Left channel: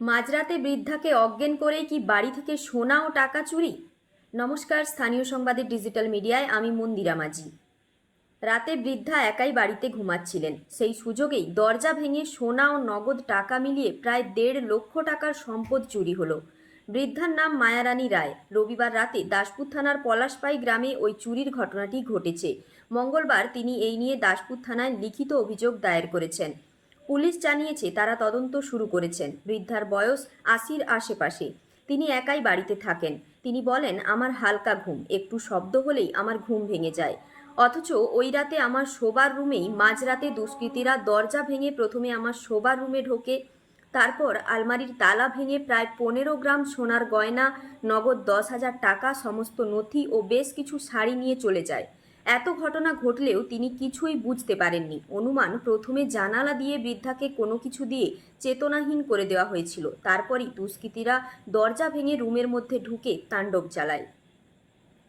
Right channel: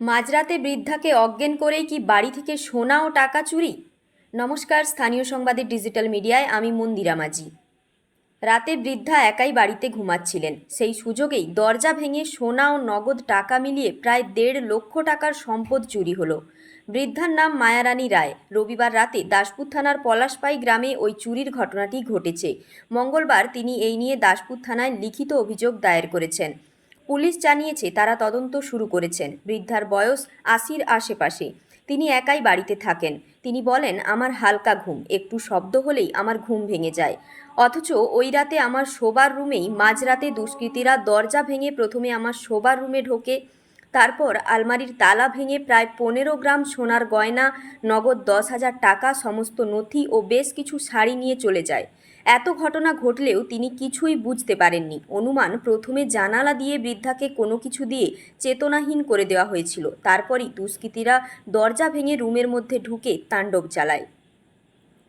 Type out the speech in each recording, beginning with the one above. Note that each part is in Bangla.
মাঝরাতে বৃদ্ধাকে অজ্ঞান করেই কি বাড়ি থেকে সোনা ও টাকা চুরি? নমস্কার, স্থানীয় সংবাদের ডিজিটাল মিডিয়ায় আমি মন্দিরা মাঝি। রাতে বৃদ্ধা একাই বাড়িতে ঘুমাচ্ছিলেন। সেই সুযোগেই দরজা ভেঙে সোনা ও নগদ টাকা মিলিয়ে প্রায় দেড় লক্ষ টাকার সম্পদ চুরি হলো। বৃদ্ধার নাম মায়ারানী রায়। রবিবার রাতে দাসপুর থানার পলাশপাই গ্রামে ওই চুরির ঘটনাটি ঘটেছে। মঙ্গলবার তিনি এই নিয়ে দাসপুর থানায় লিখিত অভিযোগ দায়ের করেছেন। পুলিশ জানিয়েছে, তারা তদন্ত শুরু করেছেন। বৃদ্ধার বয়স আশির আশেপাশে। তিনি একাই বাড়িতে থাকেন। তিনি বলেন, আমার হালকা ঘুম। একটু শব্দ হলেই আমার ঘুম ভেঙে যায়। অথচ ওই রাতে আমার শোবার রুমেই মাঝরাতে দুষ্কৃতীরা দরজা ভেঙে প্রথমে আমার শোবার রুমে ঢোকে। তারপর আলমারির তালা ভেঙে প্রায় পনেরো গ্রাম সোনার গয়না, নগদ দশ হাজার টাকা, সমস্ত নথি ও বেশ কিছু শাড়ি নিয়ে চলে যায়। এত ঘটনা ঘটলেও তিনি কিছুই বুঝতে পারেননি। অনুমান প্রথমে জানালা দিয়ে বৃদ্ধাকে কোনো কিছু দিয়ে চেতনাহীন করে দেওয়া হয়েছিল। তারপরই দুষ্কৃতীরা দরজা ভেঙে রুমের মধ্যে ঢুকে তাণ্ডব চালায়।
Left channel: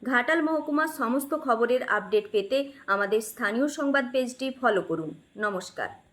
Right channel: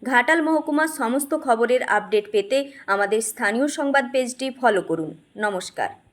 ঘাটাল মহকুমার সমস্ত খবরের আপডেট পেতে আমাদের স্থানীয় সংবাদ পেজটি ফলো করুন। নমস্কার।